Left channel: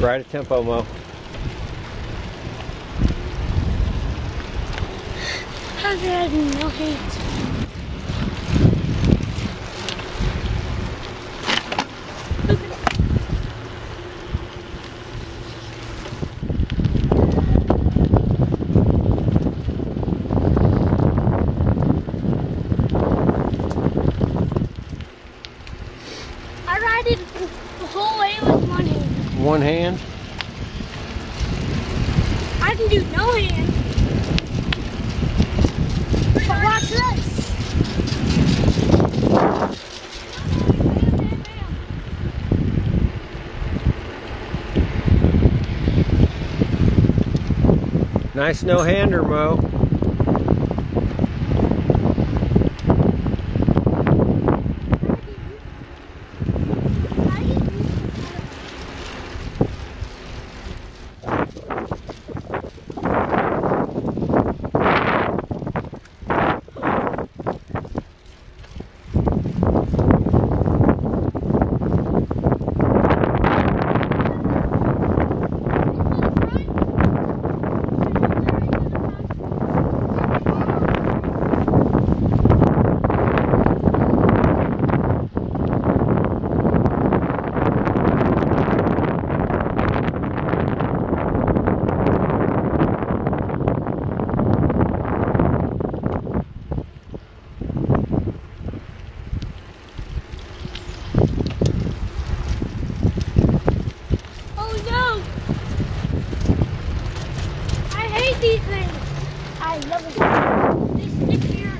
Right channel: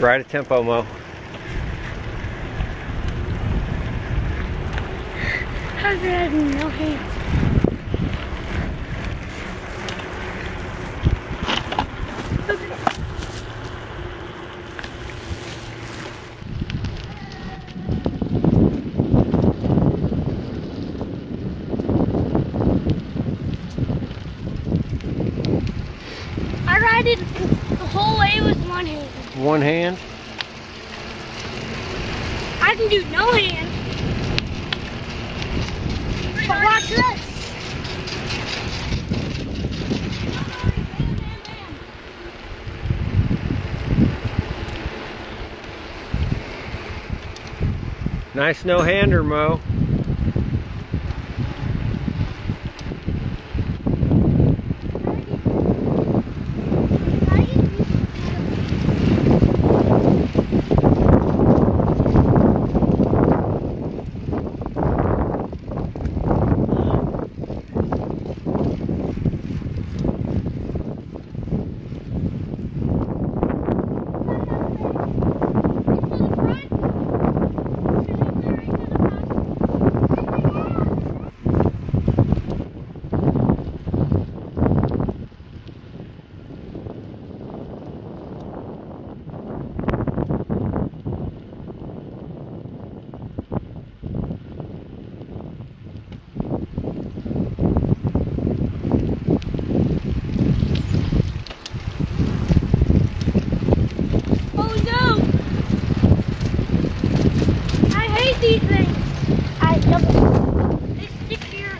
Ride a tempo, Mo. How's it having no hands? I ride it the whole way with one hand. One hand? I can do no hand. But watch this. Nice no-hander, Mo. These things. I love it. They stick here.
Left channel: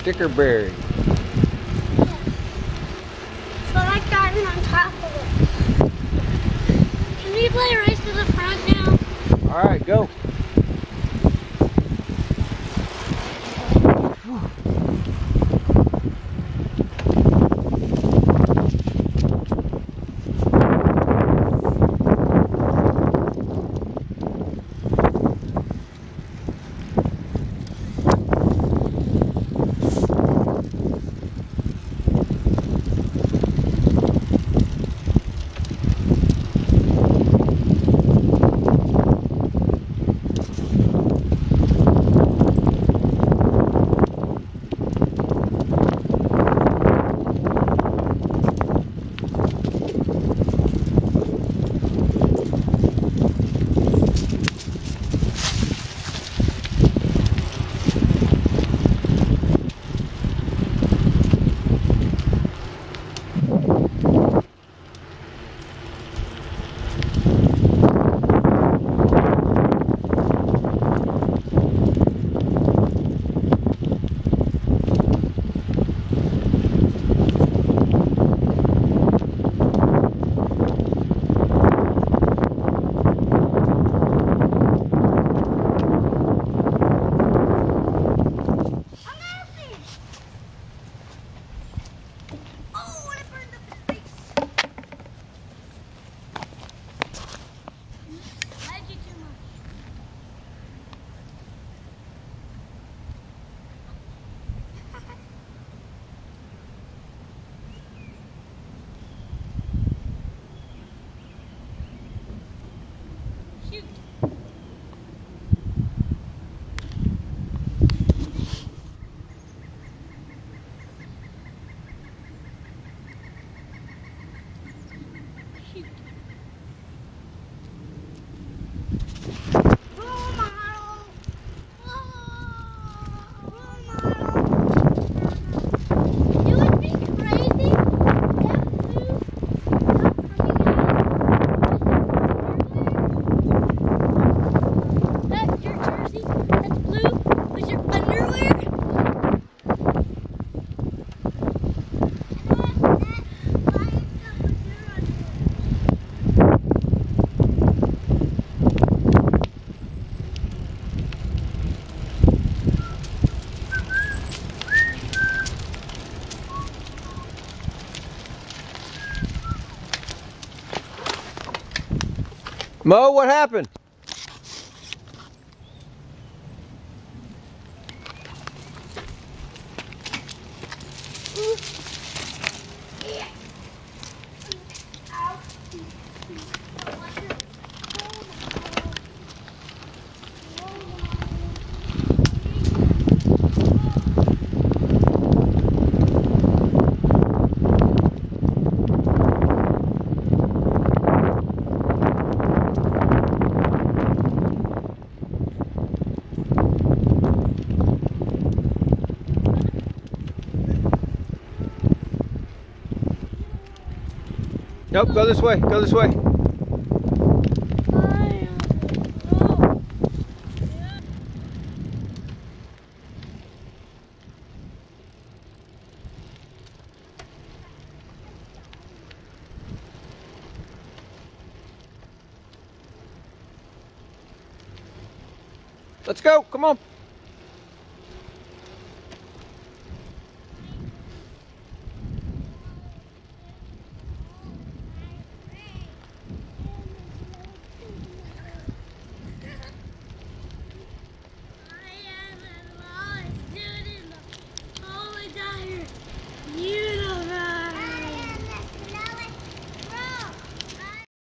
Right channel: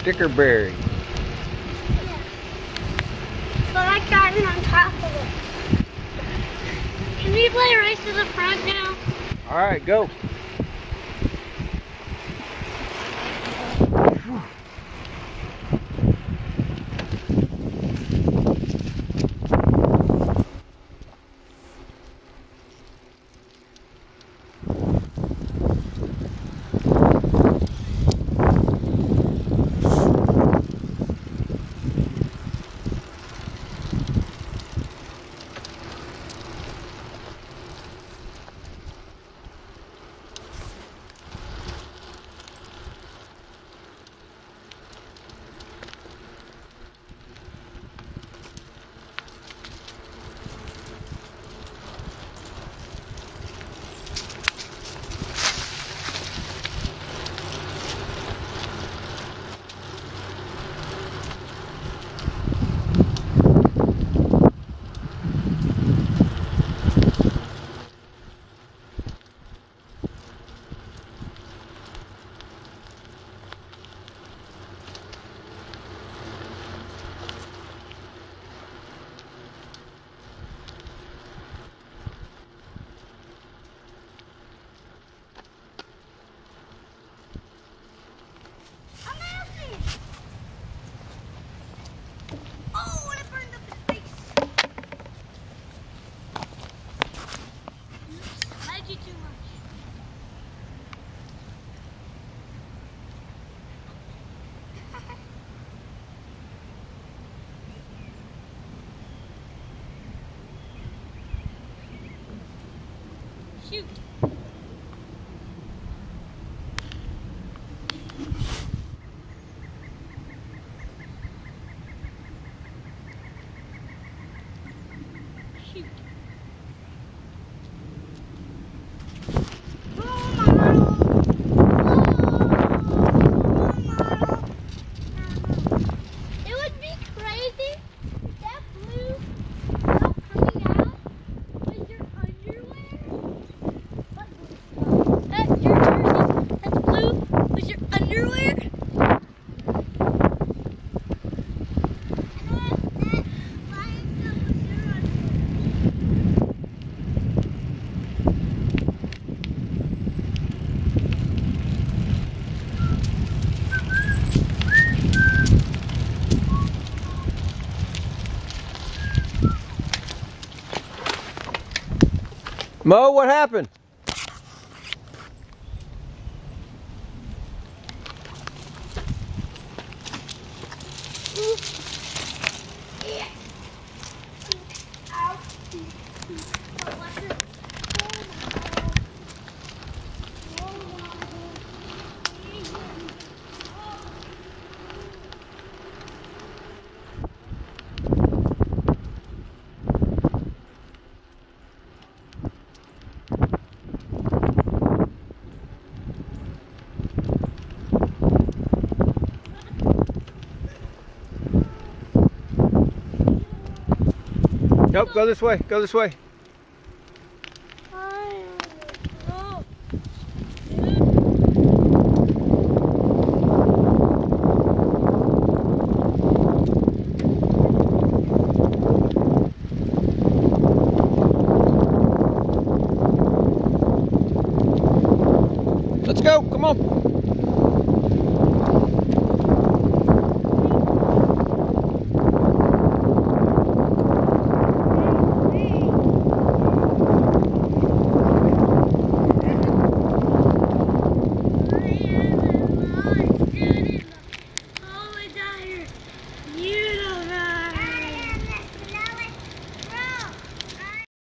Sticker berry. Yeah. So I like driving on top of it. Can we play a race to the front now? All right, go. Shoot. Shoot. It would be crazy if blue coming out. That your jersey that's blue was your underwear? Mo, what happened? Ow. Nope, go this way. Go this way. Let's go. Come on.